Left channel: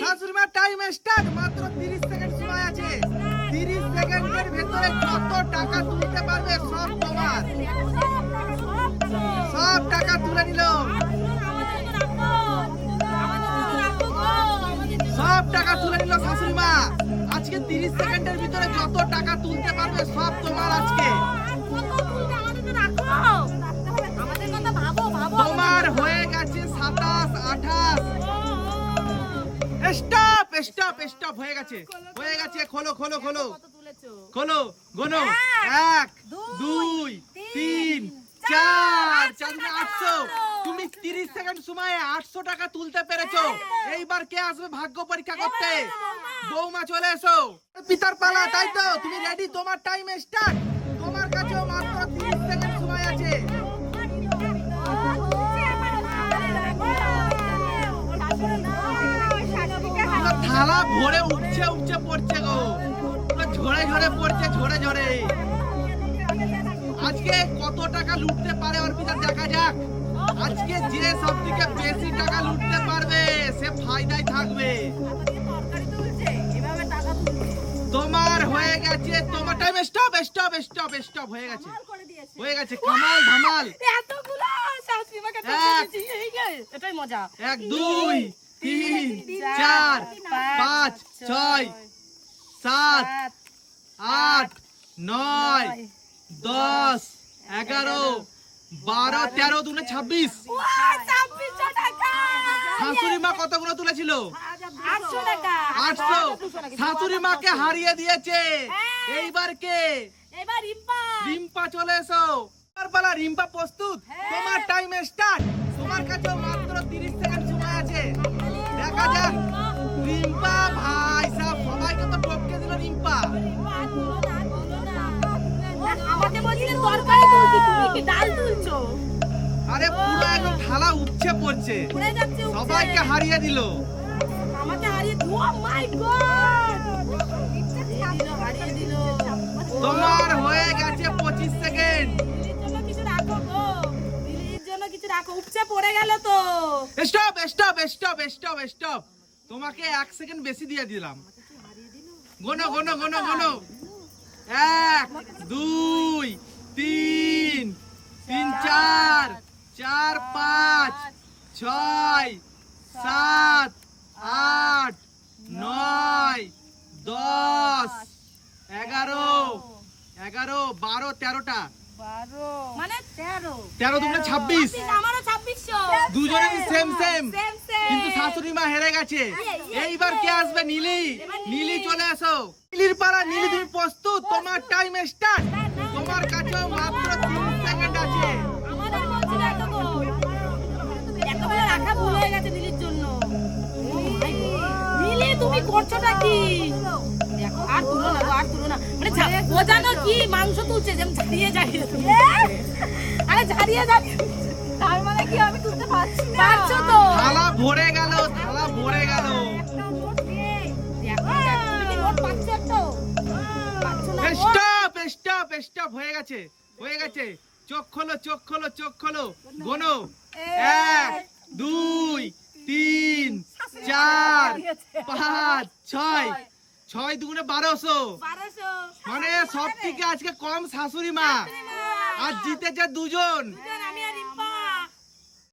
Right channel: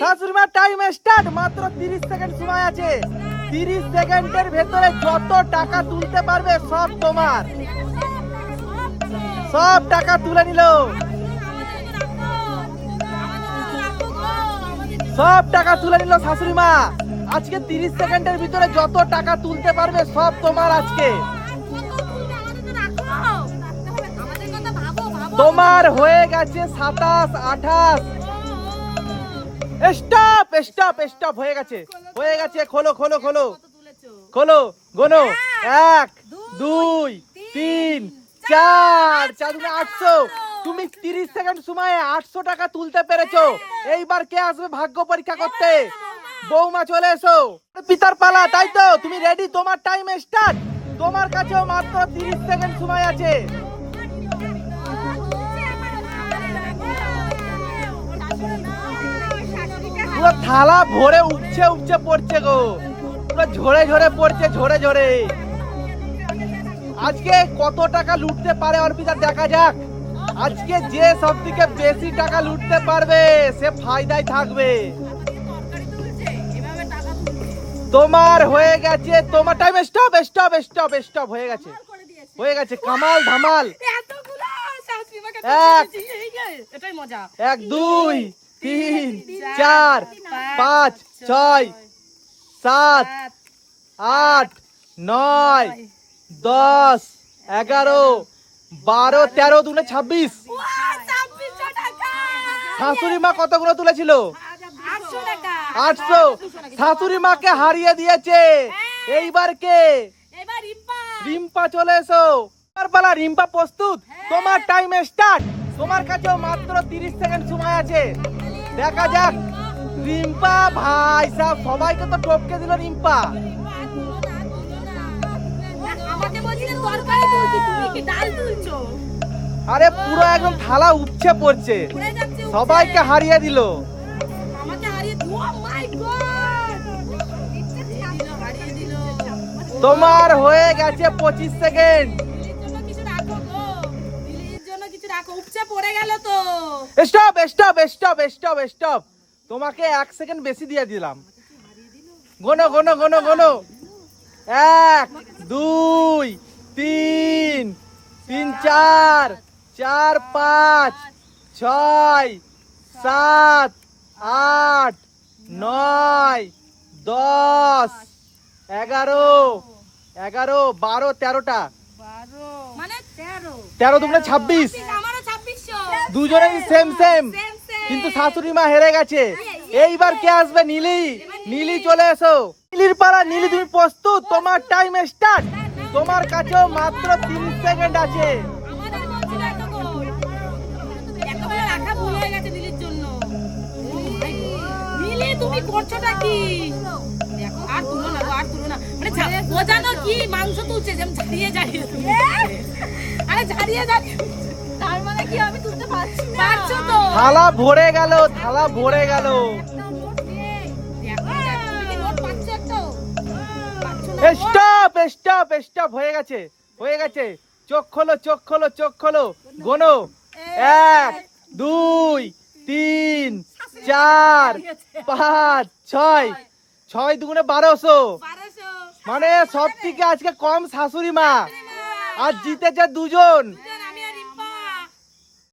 শাশুড়ি মা time start মাত্র 30 সেকেন্ড সময় আছে। 30 সেকেন্ডের ভেতরে যত টাকা তুলতে পারবে, সব তোমার। সব টাকা তুলে নিল। সব টাকা তুলে নিল শাশুড়ি মা আজকে 30 সেকেন্ডের ভিতরে যত টাকা তুলতে পারবে, সব তোমার আজকে। তোমার হয়ে গেছে সাতাশ, আঠাশ। স্টপ স্টপ স্টপ হয়ে গেছে। হয়ে গেছে, খোলো খোলো খোলো। খোলো, গোনো। এক, দুই, তিন, চার। চার দুগুণে আটশো। তুমি তিরিশ সেকেন্ড সময়ে আটশো টাকা তুলতে পেরেছ। এইবার কে আসবে ভাগ্য পরীক্ষা করতে? বৌমা, চলে এসো। পিতার পালা, তাই তো। তুমি রেডি তোমার টাইম স্টার্ট তোমার কাছেও মাত্র তিরিশ সেকেন্ড সময় আছে। পুরো থালা ভরে উঠছে উঠছে পড়ছে গো। পুরো ঝরে ঝরে পড়ছে ঝরে ঝরে। আজকে কত টাকা লুটতে পারে অর্পিতা? দেখা যাক। আজকে যে সব থেকে বেশি টাকা লুটতে পারবে সে ফায়দায় থাকবে। তোমার হয়ে গেছে তোমার time stop stop stop stop হয়ে গেছে। হয়ে গেছে কামাল ধামাল। এক। এক দুই। তিন চার পাঁচ ছয় সাত আট নয় দশ এগারো বারো তেরো দুনে ছাব্বিশ। শাশুড়ি মা কতগুলো তুলেছিল? আটশো শাশুড়ি মাকে হারিয়ে দিয়েছে। এইবার কে? রিম্পা। রিম্পা চলে এসো। পালা রিম্পা প্রস্তুত। তোমার টাইম স্টার্ট তোমার কাছে মাত্র 30 সেকেন্ড সময় আছে। দেখা যাক। রিম্পা ভাই সাহেব সবাইকে তো টপকে দিল রিম্পা। আমাকে বলছিলে তরকারি তুলছি তুমি কি ডাল তুলছো? আরে পুরো একদম থালা উঠছে পড়ছে। সবাইকে হারিয়ে দিল। আমাকে হারিয়ে ও মাই গড হারিয়ে দিল। তোমার হয়ে গেছে পঁচিশ সেকেন্ড। উপচে পড়ে গেল তো। Stop stop stop stop stop তোমাকে এক সেকেন্ড বেশি দিয়ে দিলাম। গোনো গোনো গোনো গোনো। এক, দুই, তিন তিন, চার চার, পাঁচ, ছয়, সাত, আট, নয়, দশ, এগারো এগারো, বারো, তেরোটা। মানে তেরো। তেরো ছাব্বিশ। আমারও ছাব্বিশশো। দুজনেরই সেম সেম. কিন্তু শাশুড়ি মা হেরে গেছে। এইবার কে আসবে? নীলি। নীলি। চলে এসো। নীলির পাড়া নীলি তুমি প্রস্তুত? তোমার টাইম স্টার্ট তোমার কাছেও মাত্র তিরিশ সেকেন্ড আছে। আমাদের বলছি রাখো গো একেবারে রাখা ভুল হয়ে গেছে নীলির জন্য। নীলি তুমি করছোটা কি? আর তুলো না। ঝা- ও জানো কি? মাংস তুলছে যেমন ঝাড়িয়ে ঝাড়িয়ে। আরে ঝাড়িয়ে ঝাড়িয়ে। তার মানে কি আমি তুলতে পারছি না? পারছ তো? থালা ভরে গেল থালা ভরে গেল? স্টপ স্টপ স্টপ হয়ে গেছে হয়ে গেছে। চোখ খোলো চোখ খোলো চোখ খোলো। গোনো। এক দুই তিন চার পাঁচ ছয়। ছয় দুগুণে বারোশো। মানে সব থেকে আজকে কম শাশুড়ি মা। আর জিতেছে দুজন।